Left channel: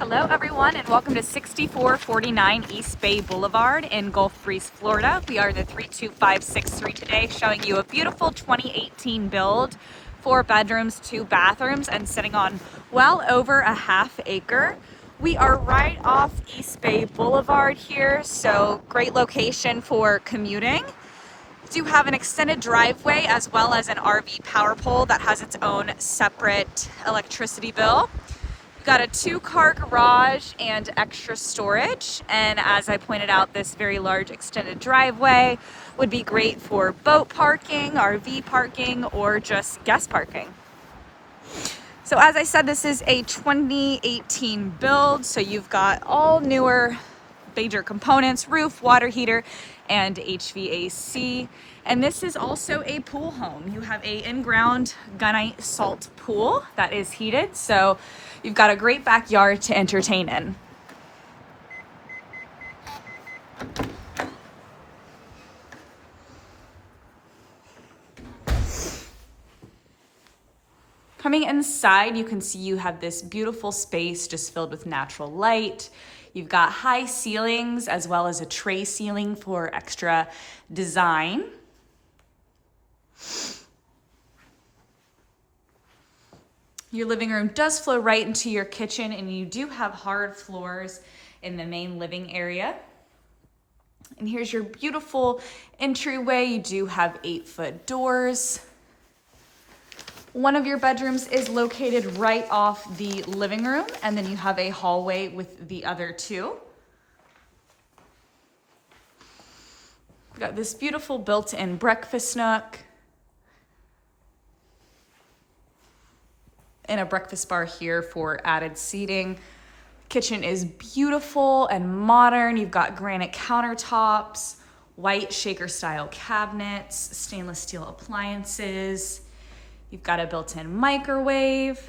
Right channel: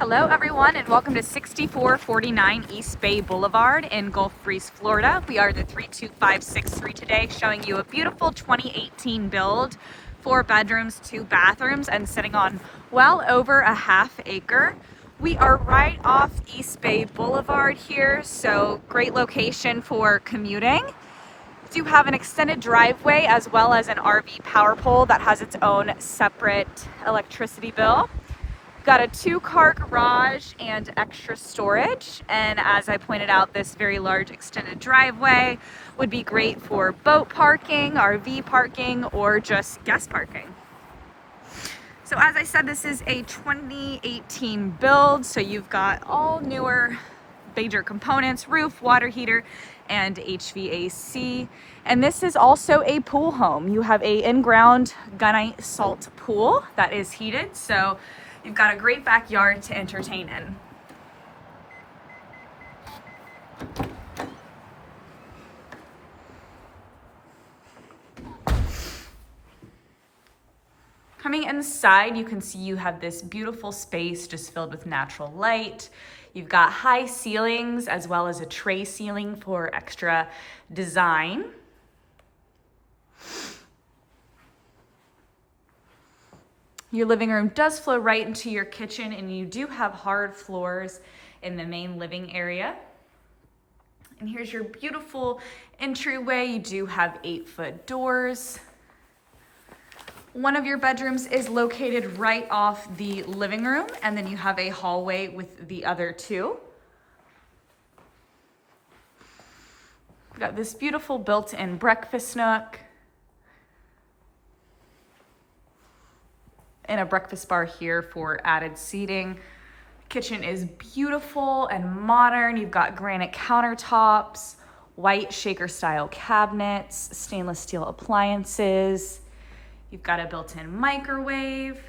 Hello everyone and welcome to 6449 East Bay Boulevard in Gulf Breeze, Florida. We are the 32563 today, showing you a beautiful 2018 build, 4 bedrooms, 2 bathrooms, and sitting on well over a half acre. We are right off East Bay Boulevard here, so great location for commuting. We do have an extended driveway as well as an RV power pole that has its own separate electricity bill. We've got a 2-car garage and extra storage, and as I pointed out, this very large extended driveway would be great for boat parking, RV parking, or just guest parking. So as I said, this is a 2018 build, so you've got all newer major components: roof, water heater, and HVAC. And this is also a pool home. You have a in-ground gunite salt pool that is heated, so you've got a great backyard to entertain in. Coming inside, you can see you have this beautiful space just filled with natural light. You've got high ceilings as well as a tray ceiling for extra design. Your living room does flow right into your kitchen, and you do have hard floors in the main living area. And here's your beautiful entryway. You do have 8-foot doors. One of your bedrooms is located right off the living room, and then you have a hallway with the other 2. We've got this beautiful built-in breakfast nook and a breakfast bar here for added seating. Kitchen is beautiful and modern. You've got granite countertops, white shaker style cabinets, stainless steel appliances. You've got a built-in microwave,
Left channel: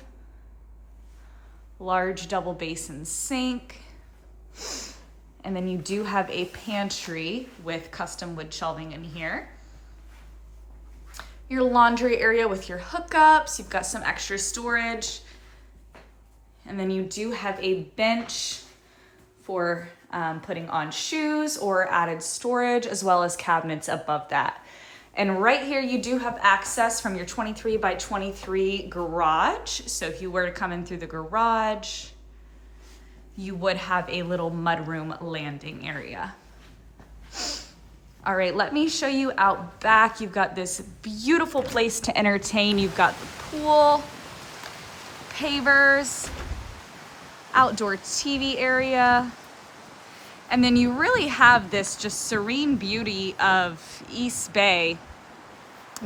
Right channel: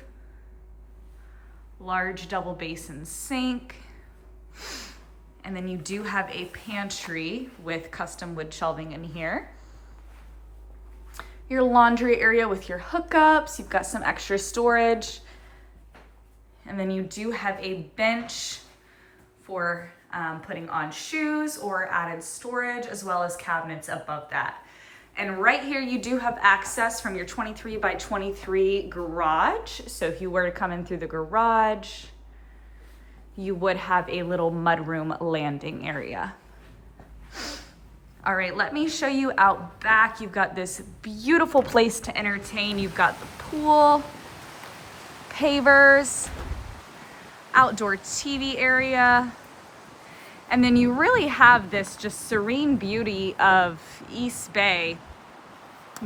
large double basin sink, and then you do have a pantry with custom wood shelving in here. Your laundry area with your hookups, you've got some extra storage, and then you do have a bench for putting on shoes or added storage, as well as cabinets above that. And right here you do have access from your 23 by 23 garage. So if you were to come in through the garage, you would have a little mudroom landing area. All right, let me show you out back. You've got this beautiful place to entertain. You've got the pool, pavers, outdoor TV area, and then you really have this just serene beauty of East Bay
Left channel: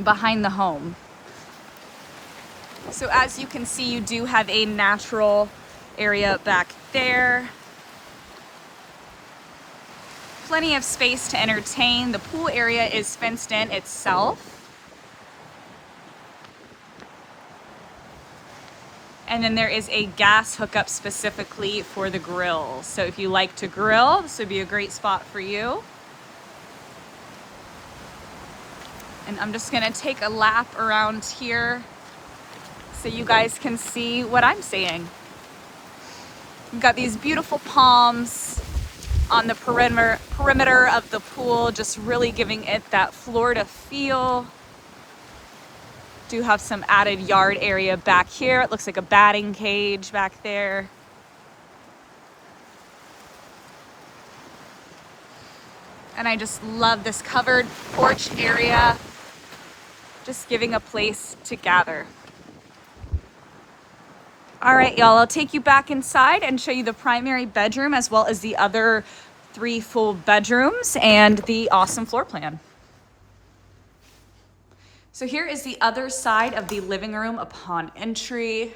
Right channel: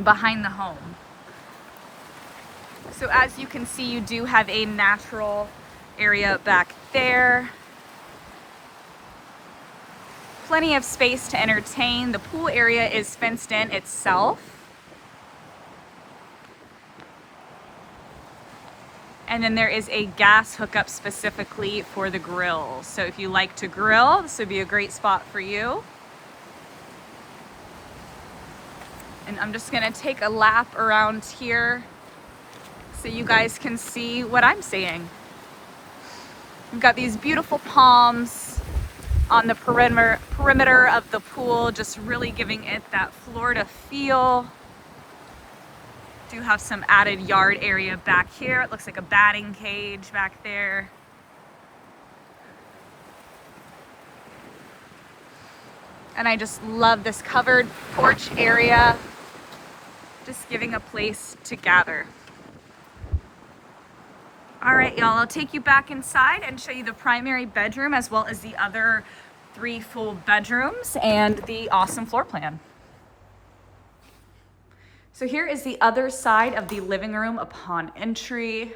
behind the home. So as you can see, you do have a natural area back there. Plenty of space to entertain. The pool area is fenced in itself. And then there is a gas hookup specifically for the grill. So if you like to grill, this would be a great spot for you. And I'm just gonna take a lap around here so you guys can see what I'm seeing. We've got these beautiful palms on the perimeter of the pool, just really giving it that Florida feel. Do have some added yard area back here. It looks like a batting cage back there. And I just love this covered porch area, just giving a place to gather. All right, y'all, I'll take you back inside and show you the primary bedroom as well as the other 3 full bedrooms and the awesome floor plan. So here is the other side of the living room upon entry.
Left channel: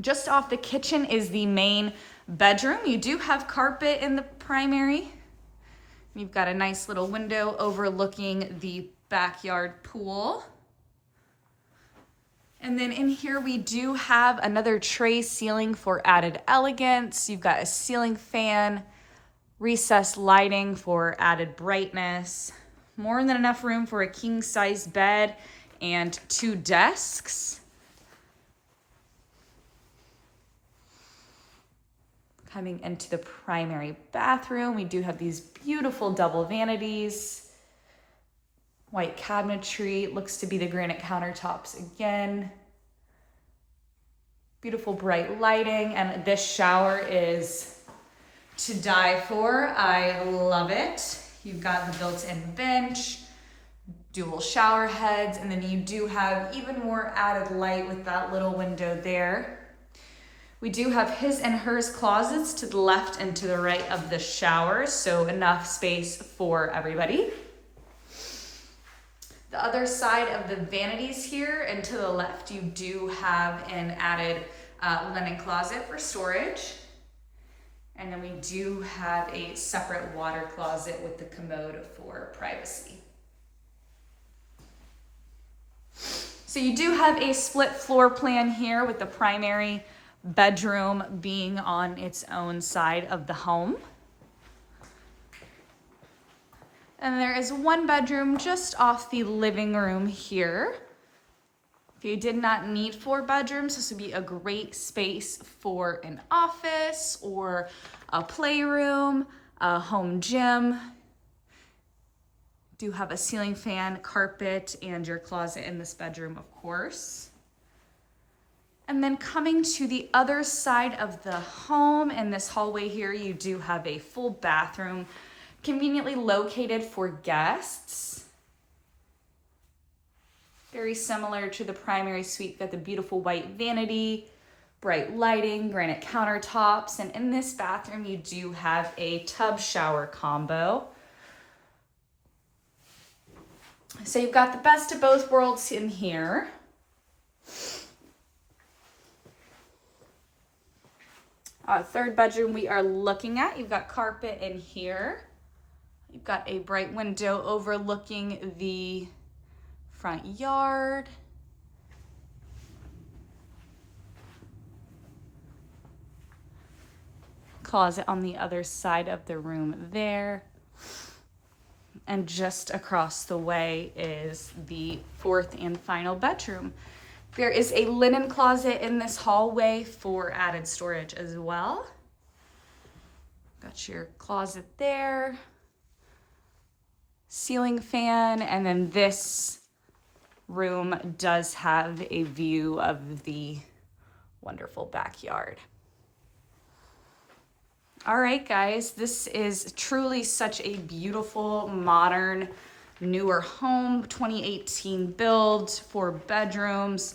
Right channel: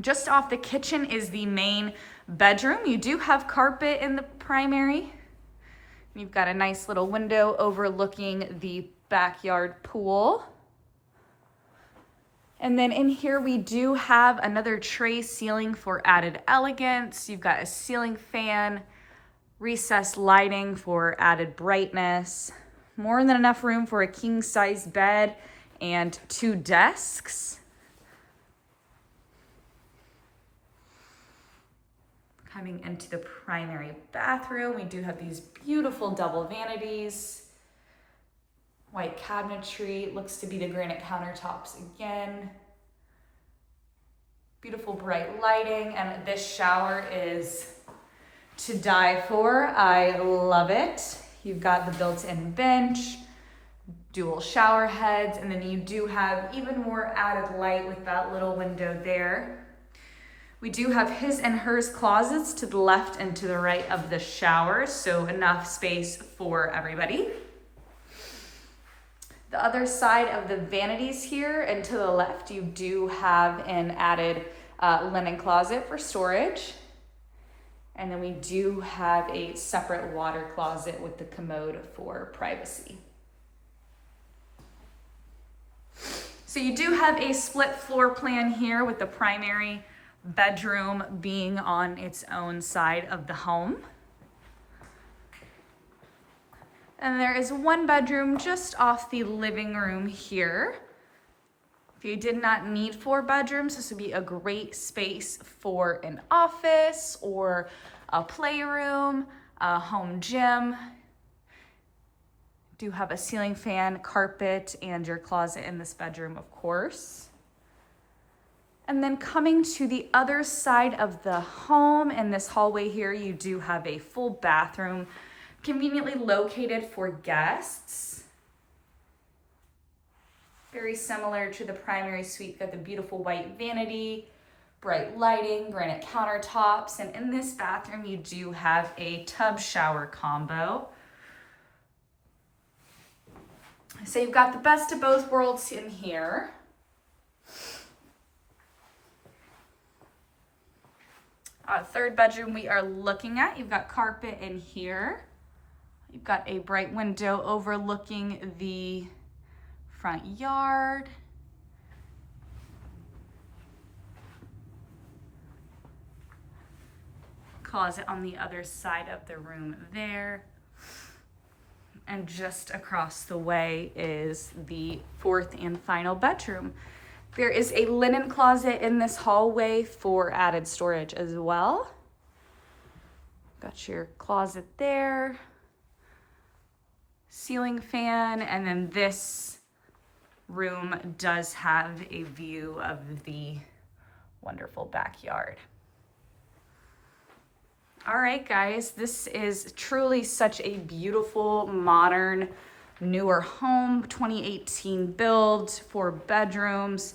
Just off the kitchen is the main bedroom. You do have carpet in the primary. You've got a nice little window overlooking the backyard pool. And then in here we do have another tray ceiling for added elegance. You've got a ceiling fan, recessed lighting for added brightness. More than enough room for a king-size bed and 2 desks. Coming into the primary bathroom, we do have these beautiful double vanities. White cabinetry, looks to be the granite countertops again. Beautiful bright lighting, and this shower is to die for. I love it. You've got the built-in bench, dual shower heads, and then you do have even more added light with that little window there. We do have his and hers closets to the left and to the right of the shower, so enough space for everybody. The other side of the vanities here and to the left, you do have an added linen closet for storage. And then we do have a separate water closet with the commode for privacy. So you do have a split floor plan here with the primary bedroom being on its own side of the home. And there is one bedroom just off the living room here. If you did not need 4 bedrooms, this would be a great space for an office or a playroom, a home gym. Do have a ceiling fan, carpet, and your closet in this bedroom, of course. And then coming to the other side of the home in this hallway here, you do have a full bathroom conveniently located for guests. Very similar to the primary suite, got the beautiful white vanity, bright lighting, granite countertops, and in this bathroom you do have a tub shower combo. So you've got the best of both worlds in here. Third bedroom we are looking at, you've got carpet in here. You've got a bright window overlooking the front yard. Closet on the other side of the room there. And just across the way is the 4th and final bedroom. There is a linen closet in this hallway for added storage as well. Got your closet there, ceiling fan, and then this room does have a view of the wonderful backyard. All right, guys, this is truly such a beautiful, modern, newer home, 2018 build, 4 bedrooms,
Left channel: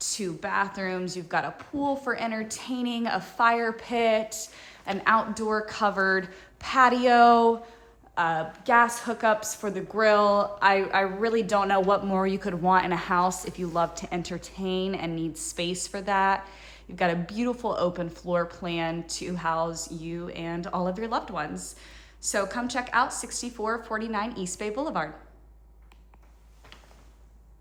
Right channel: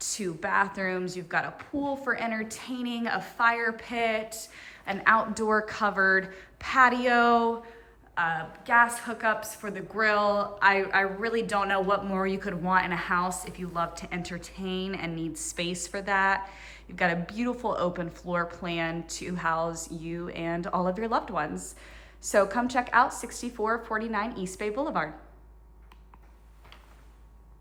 2 bathrooms. You've got a pool for entertaining, a fire pit, an outdoor covered patio, gas hookups for the grill. I really don't know what more you could want in a house if you love to entertain and need space for that. You've got a beautiful open floor plan to house you and all of your loved ones. So come check out 6449 East Bay Boulevard.